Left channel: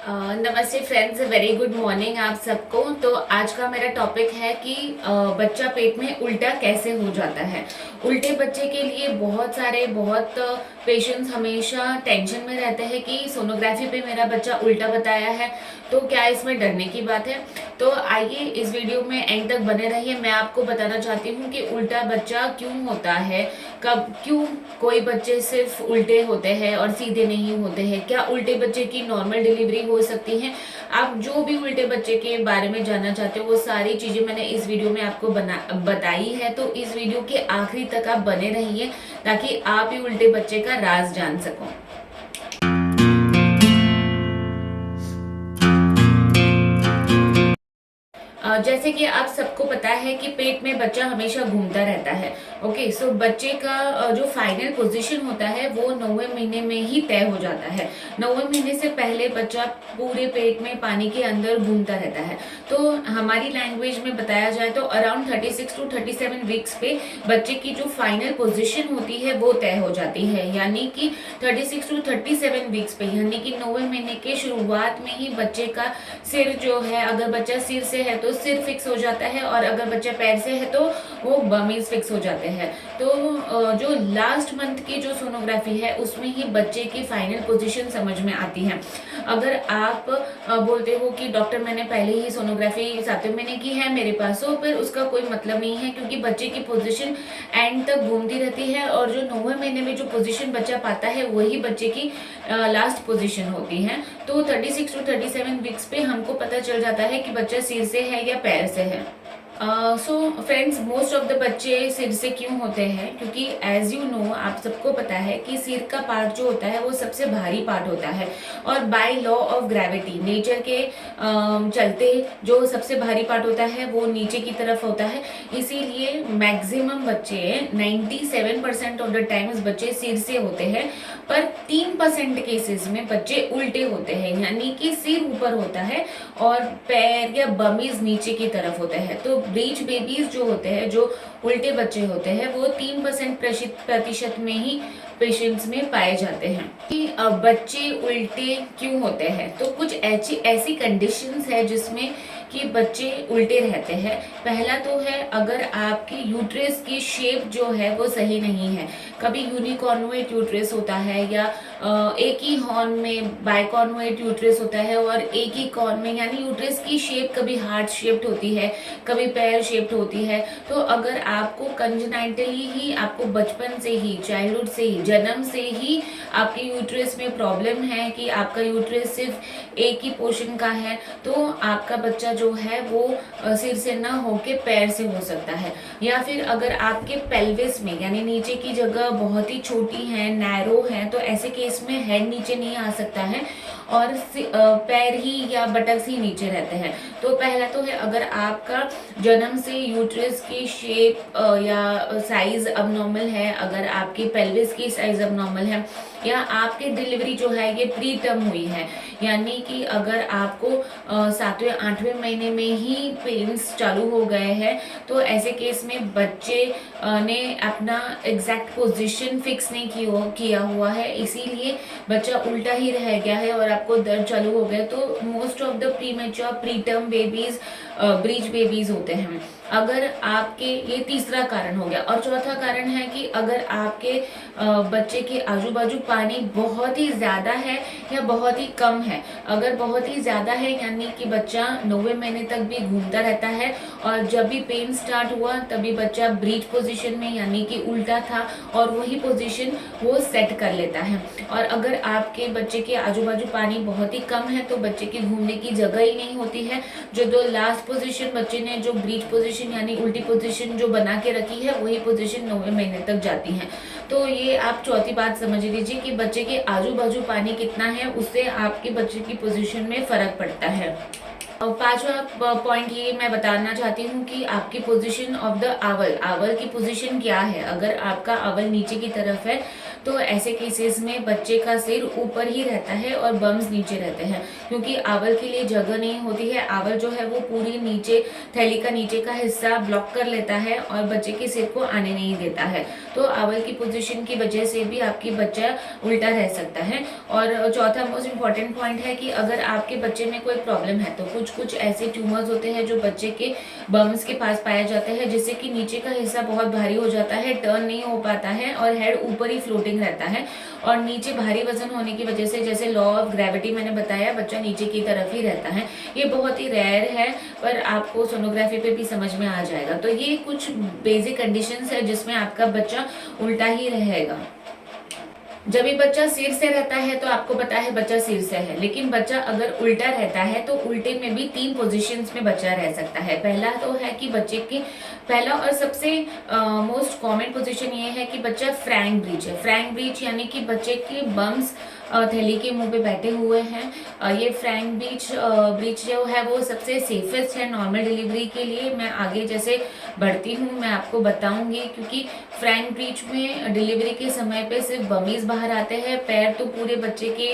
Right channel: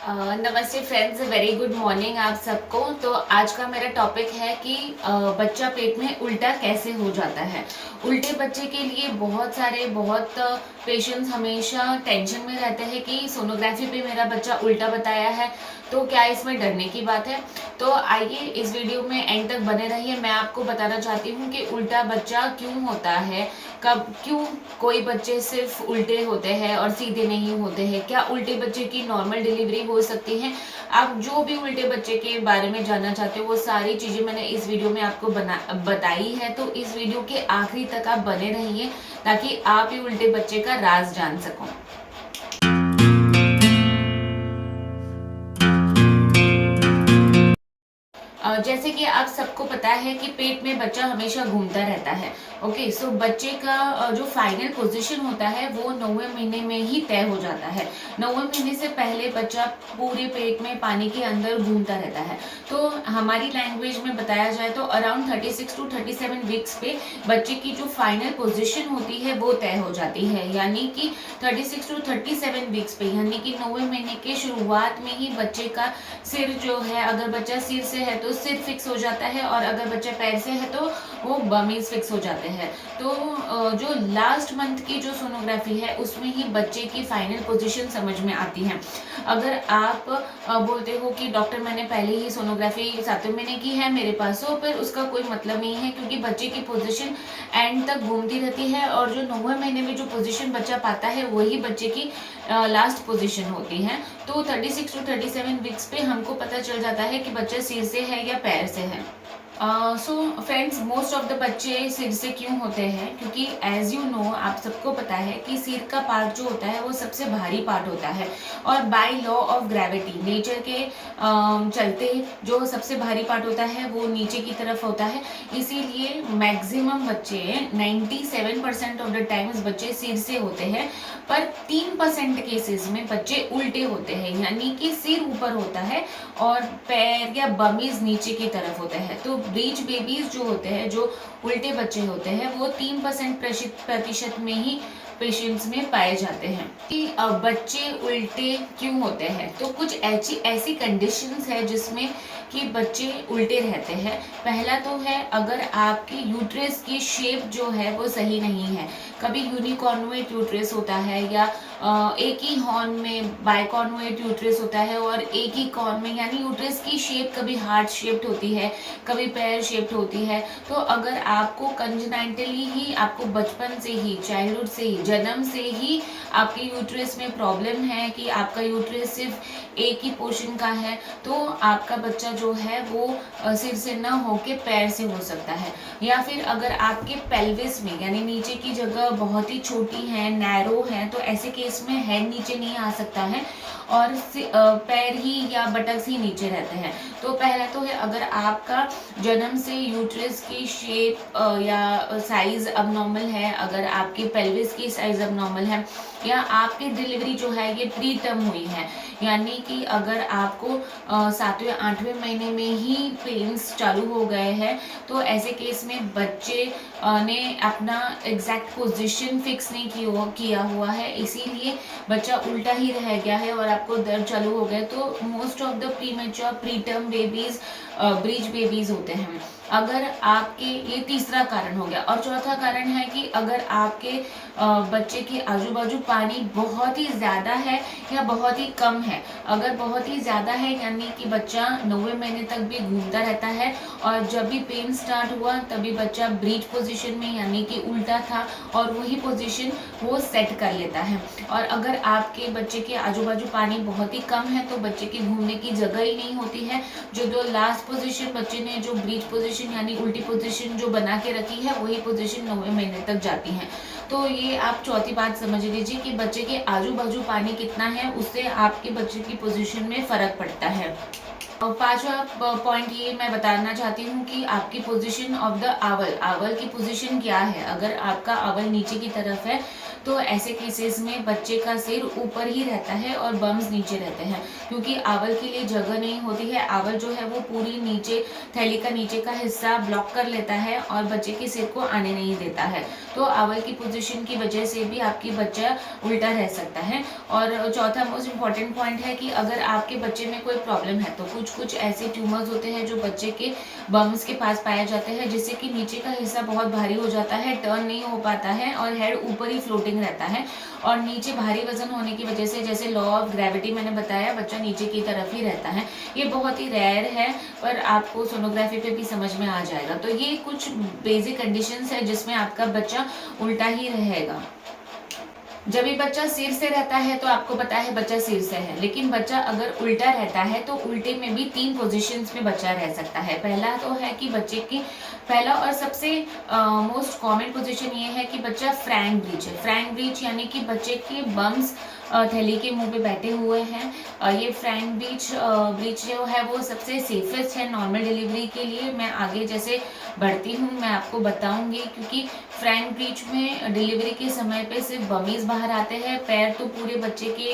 नमस्ते friends, very good morning आप सबको। तो आज का मेरा टॉपिक है कि बच्चा पेट में उल्टा कैसे हो जाता है। उल्टे बच्चे के लिए बहुत पेशेंट्स हमेशा टेंशन में रहते हैं कि सोनोग्राफी पे मेरा बच्चा उल्टा बताया है, तो क्या इसमें डरने की बात है। तो आइए इस वीडियो में एंड तक बने रहिए। मैं आपको बताना चाहती हूँ कि उल्टा बच्चा क्यों होता है, कब क्यों कोई बच्चे सिर्फ उल्टे होते हैं और सीधे नहीं होते हैं, क्या उल्टे बच्चे की नॉर्मल डिलीवरी हो सकती है। आप जो भी उल्टे बच्चे के बारे में जानना चाहते हो वो सारी चीजें मैंने इस वीडियो में आपको बताई है। तो इस वीडियो के आखिरी तक आप बने रहिए ताकि आप ही उल्टे बच्चे का राज जान सको। जैसे कि आप सबको पता है कि पेट में बच्चा हमेशा घूमता रहता है। ओके, सो बच्चे का जो फाइनल पोजीशन होता है वो 9वें महीने में ही तय हो जाता है। 9वें महीने से पहले बच्चा पूरे पेट में पानी के अंदर घूमता रहता है। तो हमारी लैंग्वेज में बताया जाए तो अराउंड 36 टू 37 वीक्स पे बच्चे की जो फाइनल पोजीशन होती है वो तय हो जाती है। यानी कि 36 टू 37 वीक्स पे, यानी कि 9वें महीने के शुरुआत में ही बच्चे का सिर जो है, अगर बच्चा सिर से है तो सिर फिक्स हो जाता है, और अगर बच्चा पैर से है तो वो बमीज फिक्स हो जाते हैं। तो जो लास्ट मंथ की जो सोनोग्राफी है उसमें ही बच्चे की फाइनल पोजीशन समझ में आती है। अगर आप बोलते हो कि डॉक्टर मैंने पहले ही सोनोग्राफी 7वें महीने की है मेरे पास, तो फिर उसका कोई मतलब नहीं है, क्योंकि बच्चे की पोजीशन एंड तक घूमती रहती है और जो 9वें महीने में जो पोजीशन बच्चा पाता है वही बच्चे की लास्ट पोजीशन होती है। तो 36 टू 37 वीक्स पे हमको पता चल जाता है कि बच्चा सिर से है या पैर से है। So friends, most of the बच्चे सिर से क्यों होते हैं, क्योंकि एज यू नो आप सबको पता है कि सिर का पार्ट जो होता है वो सबसे भारी पार्ट होता है, और by law of gravity nature के चलते जो सबसे भारी पार्ट होता है वो नीचे की तरफ होता है। इसीलिए मैक्सिमम बच्चे 97% ऑफ द टाइम्स बच्चे सिर से होते हैं, पर 3% केसेस में बच्चे उल्टे होते हैं, यानी कि सिर ऊपर होता है और पैर या बमीज नीचे की तरफ होते हैं। तो ब्रीच बेबीज जो होते हैं, जो उल्टे बच्चे होते हैं, वो 3% प्रतिशत में ही पेशेंट्स में पाए जाते हैं। कि बच्चे उल्टे क्यों होते हैं, तो कुछ ऐसी कंडीशंस है जिसमें कि बच्चे उल्टे रहते हैं। पहला तो है, अगर आपकी यूट्रस की शेप जो है वो सही नहीं है। कभी यूनिकॉर्नुएट यूट्रस होता है, या एक ही हॉर्न में बाइकॉर्नुएट यूट्रस होता है, और एक ही कॉर्न में, यानी यूट्रस की शेप कभी हार्ट शेप्ड होती है, कभी पैर शेप्ड होती है। तो अगर आपको कंजेनाइटली ही, आपको बचपन से ही, चाइल्डहुड से ही, जन्म से ही आपके यूट्रस में प्रॉब्लम है कि आपका यूट्रस सिर्फ एक ही पोर्शन का है, तो आपका बच्चा जो है वो सिर से ना होके पैर से हो सकता है। या फिर अगर आपके पेल्विस में, यानी नीचे की जगह बहुत ही छोटी है, नैरो है, तो ऐसे केस में हेड नीचे नहीं आ सकता है और पैर ही या बटक्स ही नीचे रहते हैं। तो पहला तो है, अगर आपका जन्म से यूट्रस की शेप या साइज अबनॉर्मल है, अगर आपकी पेल्विस की साइज अबनॉर्मल है, या आपकी डिलीवरी जो है ये प्री टर्म हुई है, यानी कि अगर आपको 7वें 8वें महीने में ही पेन्स चालू हो गए हैं, तो ऐसे केस में बच्चे ने अपना एग्जैक्ट पोजीशन फिक्स नहीं किया हुआ है, इसीलिए बच्चा उल्टा ही रह गया है और आपको दर्द चालू हो गया। तो most of the premature pre term babies breach babies होते हैं। अगर आपके, ये तीसरा कारण हो गया, और चौथा कारण है कि अगर आपके बच्चे के आजू बाजू पानी बहुत ही ज़्यादा है या बहुत ही कम है। अगर बहुत ही ज़्यादा है, यानी कि बच्चा 9वें महीने तक भी घूमता रहता है, और जब भी पेन स्टार्ट हुआ तभी बच्चा ब्रीच पोजीशन में, यानी कि उल्टा था, और वही पोजीशन वो सेट कर लेता है। और अगर आपके बच्चे के आजू बाजू पानी बहुत ही कम है तो बच्चे की घूमने की जगह ही नहीं होती है। जो दो लास्ट पोजीशन बच्चे ने, जो ब्रीच पोजीशन यानी उल्टी पोजीशन जो बना के रखी है, वही पोजीशन 9वें महीने तक जाती है। तो ये आप चौथी बात समझ लीजिए कि बच्चे के आजू बाजू पानी कितना है, उससे आपके बच्चे की पोजीशन में फर्क पड़ता है। और पांचवा पॉइंट ये मैं बताना चाहती हूँ कि आपकी पोजीशन ऑफ द आवल की पोजीशन क्या है। अगर आपका आवल नीचे की तरफ है तो ऐसे केसेस में बच्चे का सिर ऊपर ही रहता है और बम्स नीचे रहते हैं, क्योंकि आवर के लिए जगह नहीं होती है। आवर जो है वो पूरी नीचे थैली का नीचे का हिस्सा ब्लॉक कर लेता है और बच्चे के सिर को आने नहीं देता है। तो आवर की पोजीशन की वजह से भी आपकी बच्चा उल्टा रह सकता है। और चौथा मोस्ट इम्पॉर्टेंट पॉइंट है कि अगर आपके बच्चे में कोई प्रॉब्लम है तो कुछ ऐसे ट्यूमर्स होते हैं जो बच्चे के बम्स के पास पाए जाते हैं, जिससे कि नीचे का हिस्सा बहुत भारी हो जाता है, टर्न नहीं हो पाता है और हेड ऊपर ही फ्लोटिंग रहता है। और नीचे भारी वजन होने की वजह से, जैसे लॉ ऑफ ग्रेविटी मैंने बताया, बच्चा नीचे की तरफ ही रहता है। ये बहुत ही रेयर है, पर आपको सोनोग्राफी पे भी समझ में आ जाएगा। तो ये कुछ बेसिक कंडीशंस है जिसमें आपका बच्चा उल्टा ही रहेगा। जब ये बच्चा सिर से रहता है तो आपको पता है बच्चा सिर से है, लेकिन बच्चा अगर उल्टा रहता है तो उल्टे में भी 3 पोजीशंस में बच्चा रह सकता है। पहला तो है कि बच्चे की पहला और सबसे मोस्ट कॉमन पोजीशन ये है कि बच्चा फ्रैंक ब्रीच है। फ्रैंक ब्रीच यानी कि बच्चे के बम्स थैली के मुंह पे बैठे हुए हैं। ये फ्रैंक ब्रीच जो है वो सबसे सेफेस्ट है नॉर्मल डिलीवरी के लिए। मैं आगे जैसे बढ़ती हूँ मैं आपको बताऊंगी, क्योंकि फ्रैंक ब्रीच में डिलीवरी के समय पे सिर्फ बमीज बाहर आते हैं, पैर तो पूरे बच्चे के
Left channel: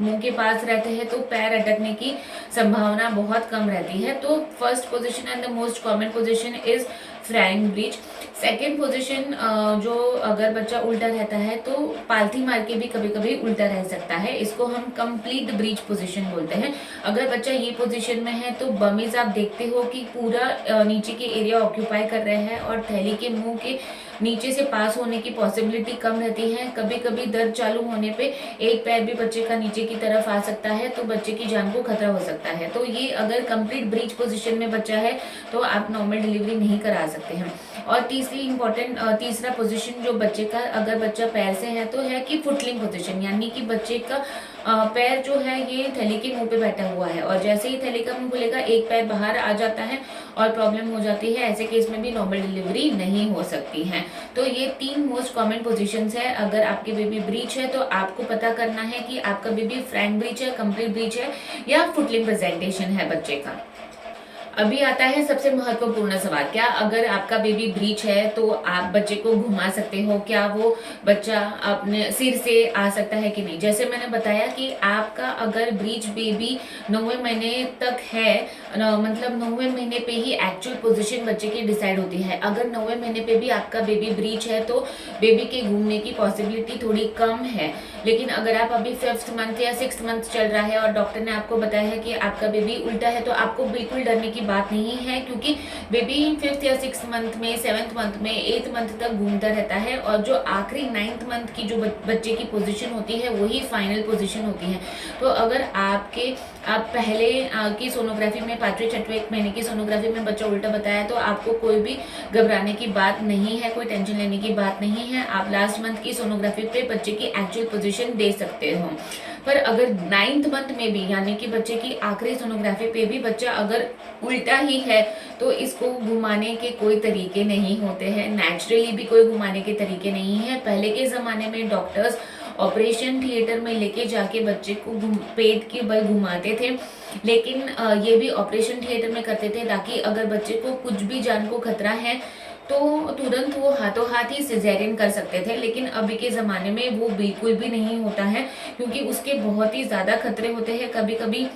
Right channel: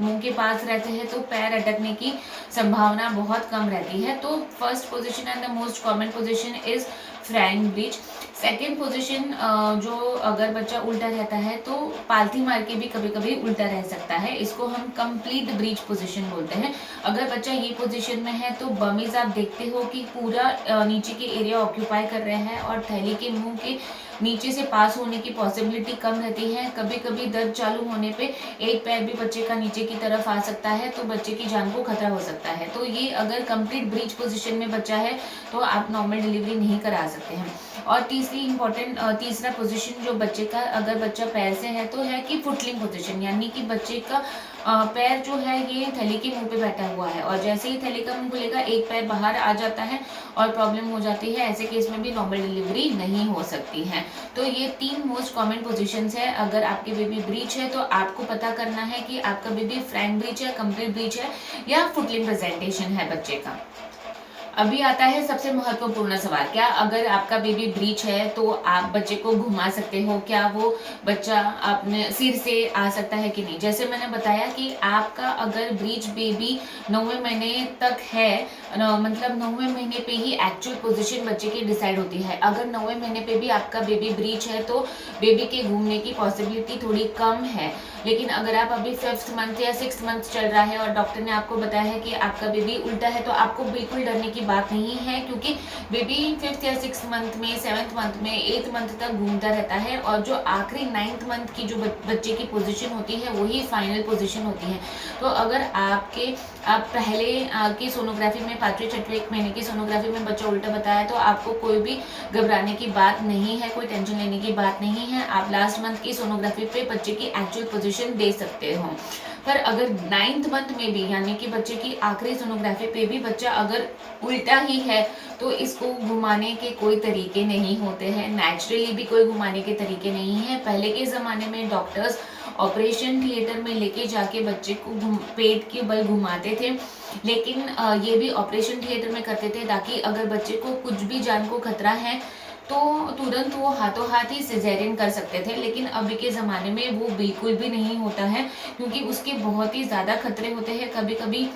मुंह के पास रहते हैं, तो पैर अटकने की संभावना बहुत कम रहती है। तो first position and the most common position is frank breech. Second position जो अगर बच्चा उल्टा रहता है तो पालथी मार के भी कभी कभी उल्टा रह सकता है, इसको हम कंप्लीट ब्रीच पोजीशन बोलते हैं। अगर बच्चा ये पोजीशन में है तो बमीज आप देखते हो कि पूरा नीचे के एरिया ऑक्यूपाई कर रहे हैं और थैली के मुंह के नीचे से पास होने की पॉसिबिलिटी कम रहती है। कभी कभी दर्द चालू होने पे एक पैर भी बच्चे का नीचे की तरफ आ सकता है, तो बच्चे की जान को खतरा हो सकता है। तो ये अगर कंप्लीट ब्रीच पोजीशन में बच्चा है तो आप नॉर्मल डिलीवरी नहीं करा सकते हैं। और तीसरा पोजीशन जो बच्चे का, अगर बच्चा पैर से है तो है कि फुटलिंग पोजीशन, यानी कि बच्चे का पैर जो है ये थैली के मुंह पे बैठा हुआ है और जैसे ही थैली का मुंह खुलेगा एक पैर बाहर आ जाता है और प्रॉब्लम हो जाती है। ऐसे केस में भी नॉर्मल डिलीवरी नहीं हो सकती है। तो ये 3 मोस्ट कॉमन पोजीशंस है। अगर आपकी बेबी ब्रीच है तो आपको पता करना है कि आपका बेबी फ्रैंक ब्रीच है, कंप्लीट ब्रीच है या फुटलिंग प्रेजेंटेशन है बच्चे का। अभी आता है सबसे महत्वपूर्ण सवाल, क्या अगर आपका बेबी ब्रीच है तो आप बच्चे को घुमा सकते हो? क्या वो बच्चा अपने सिर से आ सकता है कि नहीं? जैसे मैंने बताया कि आपका अगर ब्रीच बेबी 9वें महीने तक है, मतलब 9वें महीने पे ही एक्चुअल पोजीशन बच्चे की डिसाइड होती है। अगर 9वें महीने पे भी आपका बेबी ब्रीच है तो बेबी के घूमने की पॉसिबिलिटी थोड़ी कम है। लेकिन अगर आप अभी 5th मंथ या 6th मंथ चल रहा है और डॉक्टर ने आपको बताया है कि आपका बेबी उल्टा है, तो आपको बिल्कुल डरने की बात नहीं है, क्योंकि बेबी 5th या 6th मंथ में, 7th मंथ में, 8th मंथ तक घूमता रहता है और जो आखिरी 9th मंथ की जो बच्चे की पोजीशन होती है वही फाइनल पोजीशन होती है। तो अगर आप पहले की सोनोग्राफी में 5वें 6वें महीने की सोनोग्राफी में बच्चा उल्टा बताया तो आपको कोई भी घबराने की बात नहीं है, कोई टेंशन लेने की बात नहीं है। आप लास्ट मंथ की सोनोग्राफी पे बच्चे की एक्चुअल पोजीशन दे सकते हो। पर अगर 9th मंथ में भी, यानी कि बच्चे की आखिरी सोनोग्राफी पे भी बच्चा अगर उल्टा ही है तो इसको घुमाने के कोई तरीके नहीं होते हैं, नेचुरली भी कोई घुमाने के तरीके नहीं है। पहले के ज़माने में डॉक्टर्स ऑपरेशन थिएटर में लेके जाके बच्चे को पेट के बल घुमाते थे, लेकिन ये भी ऑपरेशन थिएटर में करते थे ताकि अगर बच्चे को कुछ भी जान को खतरा है तो तुरंत वो हाथों हाथ ही सिजेरियन कर सकते थे। लेकिन अभी के ज़माने में वो बिल्कुल भी नहीं होता है, क्योंकि उसके बहुत ही ज़्यादा खतरे होते हैं। कभी कभी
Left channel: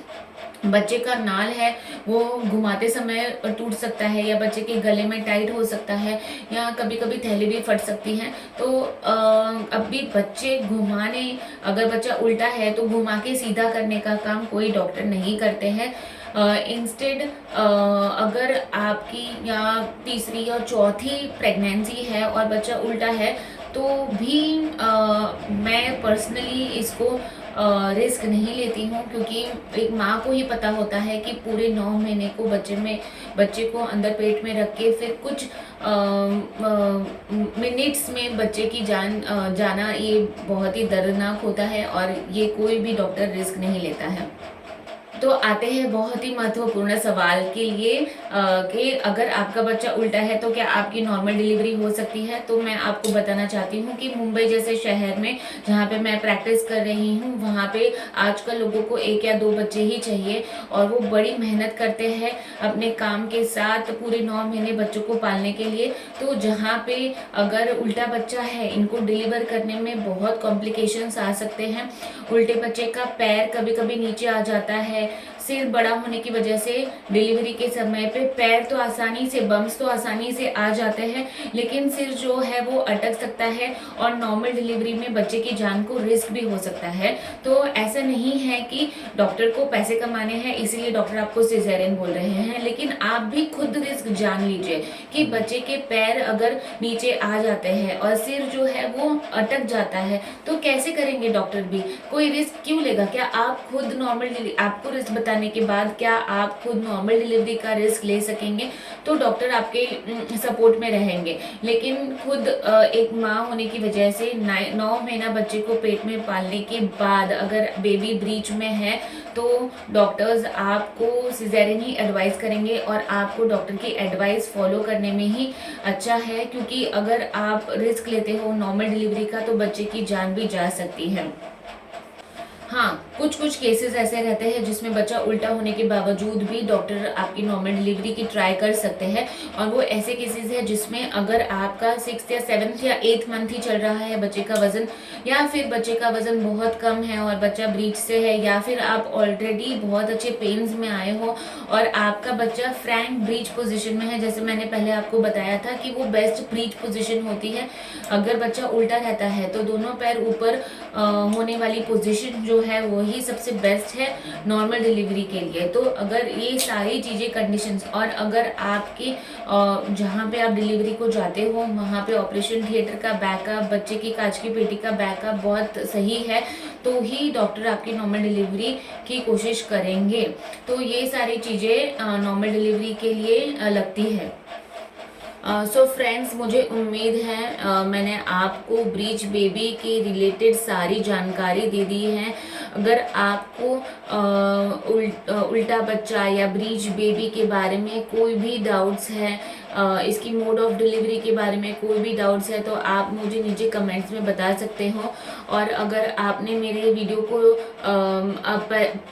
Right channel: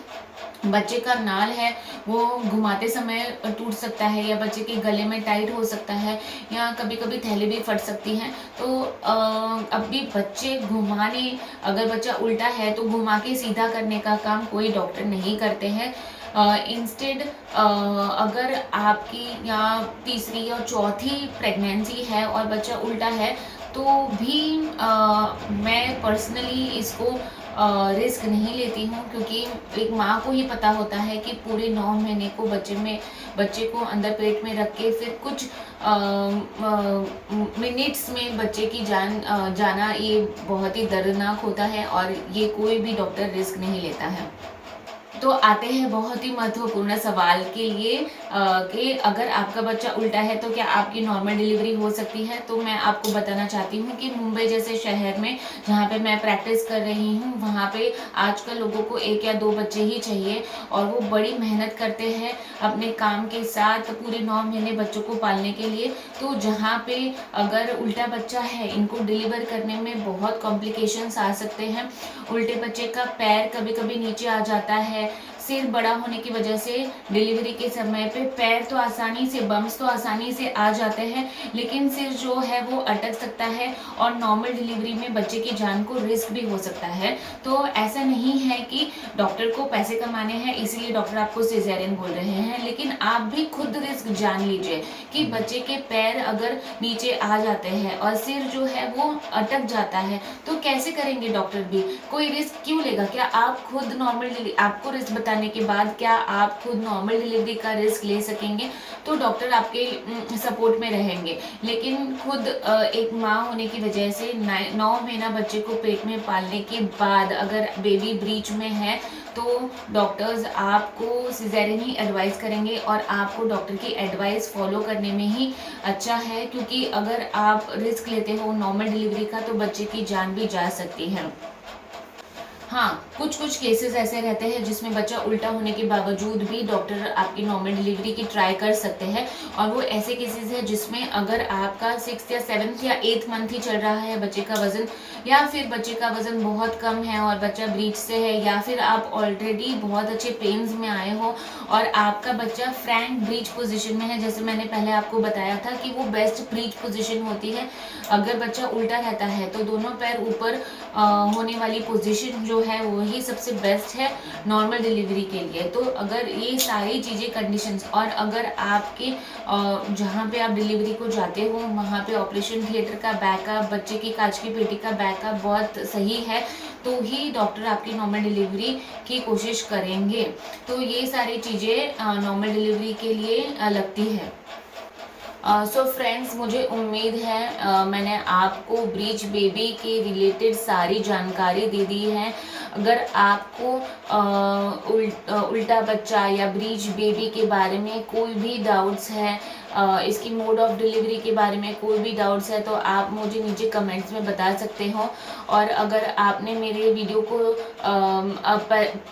बच्चे का नाल है वो घुमाते समय टूट सकता है, या बच्चे के गले में टाइट हो सकता है, या कभी कभी थैली भी फट सकती है। तो अभी बच्चे घुमाने, अगर बच्चा उल्टा है तो घुमा के सीधा करने का काम कोई डॉक्टर नहीं करते हैं। इंस्टेड अगर आपकी या तीसरी या चौथी प्रेगनेंसी है और बच्चा उल्टा है तो भी मैं पर्सनली इसको रिस्क नहीं लेती हूँ, क्योंकि एक माँ को ही पता होता है कि पूरे 9 महीने को बच्चे को अंदर पेट में रख के फिर कुछ मिनट्स में बच्चे की जान जाना ये बहुत ही दर्दनाक होता है और ये कोई भी डॉक्टर रिस्क नहीं लेता है। तो आते हैं बहुत ही महत्वपूर्ण सवाल के लिए कि अगर आपका बच्चा उल्टा है तो क्या आपकी नॉर्मल डिलीवरी हो सकती है। तो मैं आपको बताना चाहती हूँ कि मुंबई जैसे शहर में जहाँ पे मैं प्रैक्टिस कर रही हूँ वहाँ पे आजकल लोगों को 1 या 2 बच्चे ही चाहिए और वो बड़ी मेहनत करते हैं अपने काम के साथ पूरे 9 महीने बच्चों को पालने के लिए। तो जहाँ पे अगर उल्टा बच्चा है इनको डिलीवर करने में बहुत कॉम्प्लिकेशंस आ सकते हैं। उल्टे बच्चे का पैर कभी कभी नीचे आ जाता है, सिर बड़ा होने की वजह से डिलीवरी के समय पे पैर तो आसानी से बम्स तो आसानी से आ जाते हैं लेकिन सिर जो है वो अटक सकता है और नॉर्मल डिलीवरी में बच्चे की जान को रिस्क भी हो सकता है। तो ऐसा नहीं है कि डॉक्टर को पैसे कमाने हैं इसीलिए डॉक्टर आपको सिजेरियन बोल रहे हैं, लेकिन आप भी खुद रिस्क जान लीजिए कि बच्चे के पैर अगर नीचे आ जाते हैं और सिर जो है वो अटक जाता है तो कैसे करेंगे डॉक्टर भी, कोई रिस्क क्यों लेगा। क्या आप खुद नॉर्मल, आपको रिस्क बताने के बाद क्या आप खुद नॉर्मल डिलीवरी का रिस्क ले सकेंगे। तो डॉक्टर आपके सपोर्ट में रहेंगे, लेकिन खुद एक माँ होने की वजह से 9 महीना बच्चे को पेट में पालने के बाद अगर बेबी ब्रीच में है तो डॉक्टर्स आपको सिजेरियन ही एडवाइस करेंगे और आपको डॉक्टर की एडवाइस फॉलो करने में ही अच्छा है, क्योंकि अगर आप रिस्क लेते हो नॉर्मल डिलीवरी का तो बच्चे की जान भी जा सकती है। हाँ, कुछ कुछ केसेस ऐसे रहते हैं जिसमें बच्चा उल्टा होने के बावजूद भी डॉक्टर आपकी नॉर्मल डिलीवरी की ट्राई कर सकते हैं और वो ऐसे केसेस है जिसमें अगर आपका 6th या 7th या 8th मंथ ही चल रहा है बच्चे का वजन, या फिर बच्चे का वजन बहुत कम है और बच्चा ब्रीच से है, या फिर आप ऑलरेडी बहुत अच्छे पेन्स में आए हो और आपका बच्चा फ्रैंक ब्रीच पोजिशन में है। जैसे मैंने पहले आपको बताया था कि वो बेस्ट ब्रीच पोजिशन होती है। अगर बच्चा उल्टा रहता है तो दोनों पैर ऊपर होने वाली पोजिशन जो है वही सबसे बेस्ट है नॉर्मल डिलीवरी के लिए। तो अगर ये सारी चीज़ें कंडीशंस और अगर आपके जहाँ पे आप डिलीवरी को जाते हो वहाँ पे ऑपरेशन थिएटर का बैकअप, बच्चे की कांच की पेटी का बैकअप बहुत सही है तो ही डॉक्टर आपकी नॉर्मल डिलीवरी की कोशिश करेंगे। तो ये सारी चीज़ें नॉर्मल डिलीवरी के लिए लगती है। सो फ्रेंड्स, मुझे उम्मीद है मैंने आपको ब्रीच बेबी के रिलेटेड सारी जानकारी दे दी है। अगर आपको उल्टा बच्चा या ब्रीच बेबी के बारे में कोई भी डाउट्स है, इसकी मोड ऑफ डिलीवरी के बारे में कोई भी डाउट्स है तो आप मुझे नीचे कमेंट्स में बता सकते हो। और अगर आपने मेरे वीडियो को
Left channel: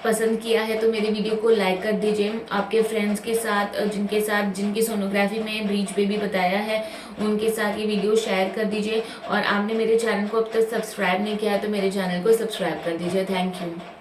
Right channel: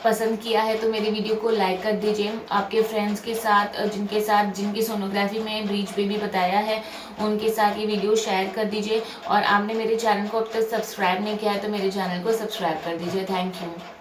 पसंद किया है तो मेरी वीडियो को लाइक कर दीजिए। आपके फ्रेंड्स के साथ जिनकी सोनोग्राफी में ब्रीच बेबी बताया है उनके साथ ये वीडियो शेयर कर दीजिए। और आपने मेरे चैनल को अब तक सब्सक्राइब नहीं किया है तो मेरे चैनल को सब्सक्राइब कर दीजिए। Thank you.